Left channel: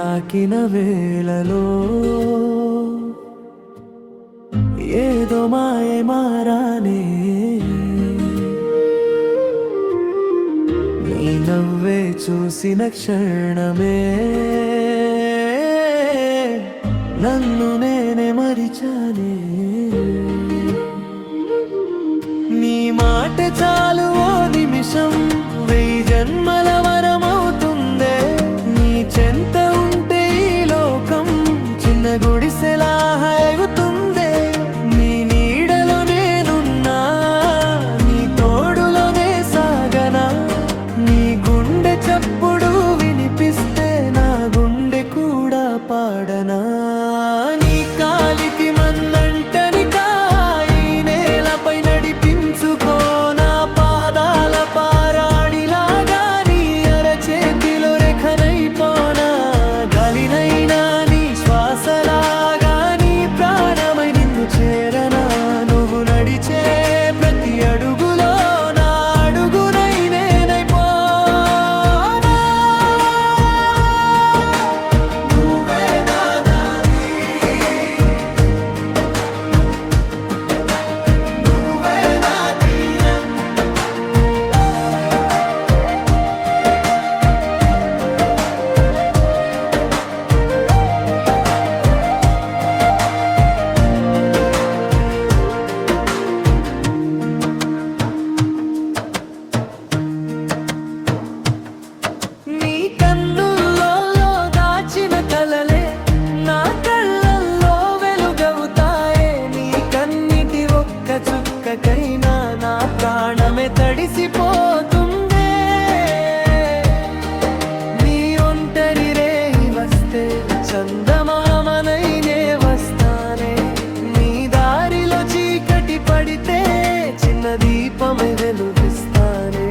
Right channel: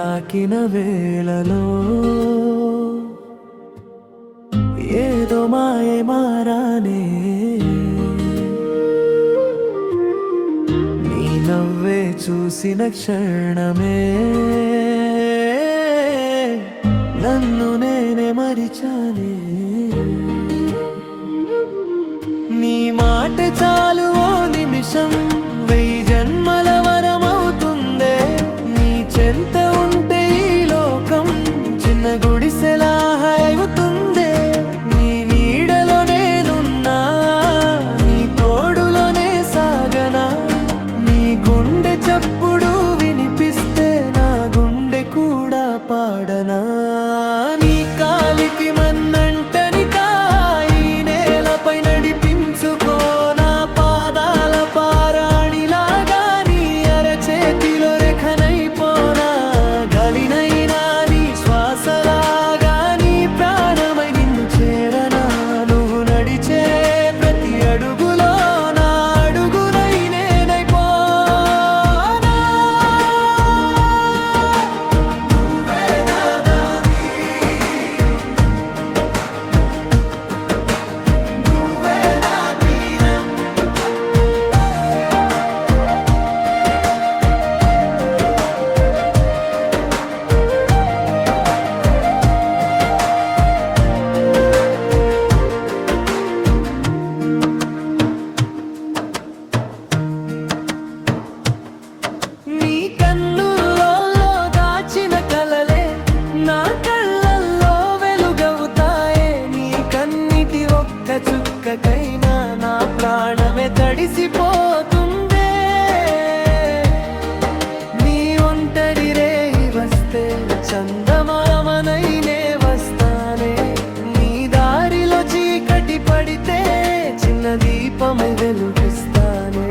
తాకిన వేళలో ఏదో మాయే మారానే, నీ నవ్వే చూసిన క్షణమే నన్ను నేనే మరిచానే. నీ మాట చాలు ఓ నిమిషం 1000 జన్మల వరమవుతుందే. నీ చెంత ఉంటే ఈ లోకం చిన్న గుడిసెలా అవుతుందే. నీ నీడలో నేనున్నా, నీ తోడులోనే సాగనా. నీ గుండె చప్పుడు వినిపిస్తే నా గుండె కూడా పాడనా. నీ కాలికి మన్నంటని కాయి నేలపై నడిపించుకో, నా పాదాల పారాడిలాగా నీ అరచేతిలో రేఖనైపోనా. గాలినైనా నీ శ్వాసలాగా నీ ప్రాణమై నిన్ను చేరనా. నువ్వు నడిచే ప్రతి అడుగులో నా అడుగునై నేనైపోనా. నువ్వే నా దారి, నువ్వే నా తీరం. నీ కన్నుల్లో దాచిన కలలే నా కళ్ళల్లో వెలుగవుతాయే. నీ కన్నిటి ఒక్క చుక్కకైనా నా ప్రాణమే తడిసిపోతుందే. నీ ఒంటరి రేయి వస్తే చందమామనైనే వస్తానే. నీ దారిలో చీకటి పడితే చిన్న దీపమై వెలుగిస్తానే.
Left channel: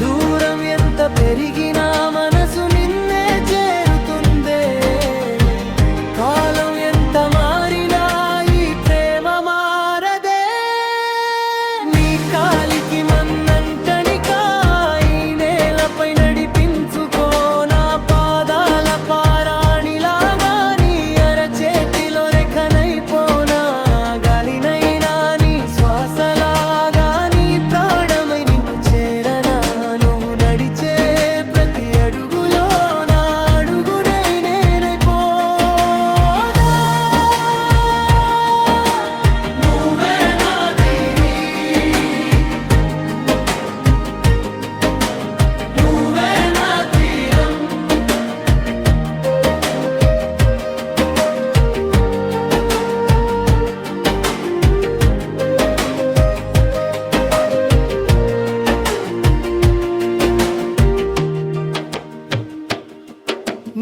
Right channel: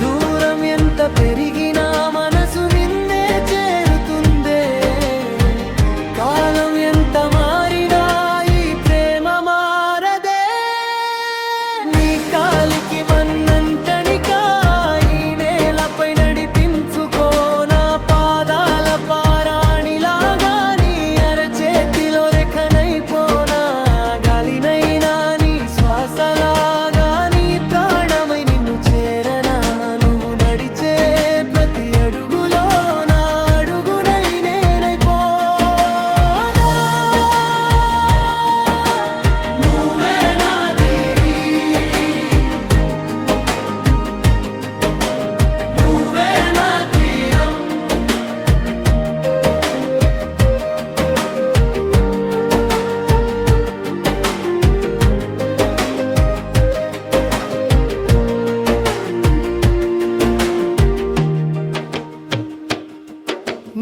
దూరం ఎంత పెరిగినా మనసు నిన్నే చేరుతుందే. కాలం ఎంత మారినా ఈ ప్రేమ మారదే. నీ కాలికి మన్నంటని కాయి నేలపై నడిపించుకో, నా పాదాల పారాణిలాగా నీ అరచేతిలో రేఖనైపోనా. గాలినైనా నీ శ్వాసలాగా నీ ప్రాణమై నిన్ను చేరనా. నువ్వు నడిచే ప్రతి అడుగులో నా అడుగునై నేనైపోనా. నువ్వే నా దీరి, నువ్వే నా తీరం.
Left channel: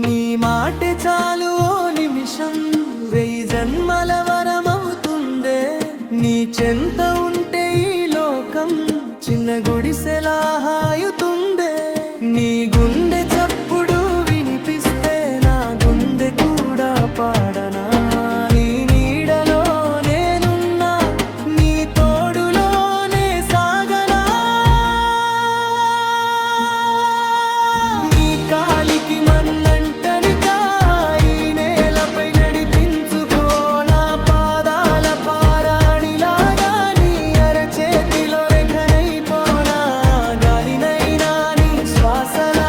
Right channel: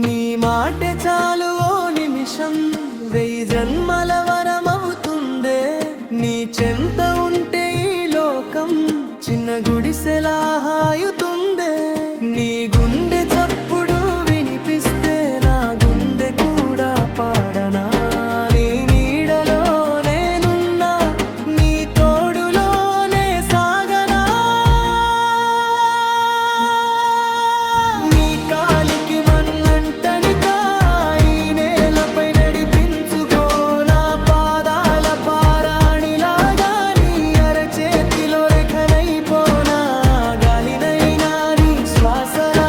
నీ మాటే చాలు ఓ నిమిషం 1000 జన్మల వరమవుతుందే. నీ చెంత ఉంటే ఈ లోకం చిన్న గుడిసెలా హాయుతుందే. నీ గుండె చప్పుడు వినిపిస్తే నా గుండె కూడా పాడనా. నీ నీడలో నేనున్నా, నీ తోడులోనే సాగనా. నీ కాలికి మన్నంటని కాయి నేలపై నడిపించుకో, నా పాదాల పారాణిలాగా నీ అరచేతిలో రేఖనైపోనా. గాలినైనా నీ శ్వాసలా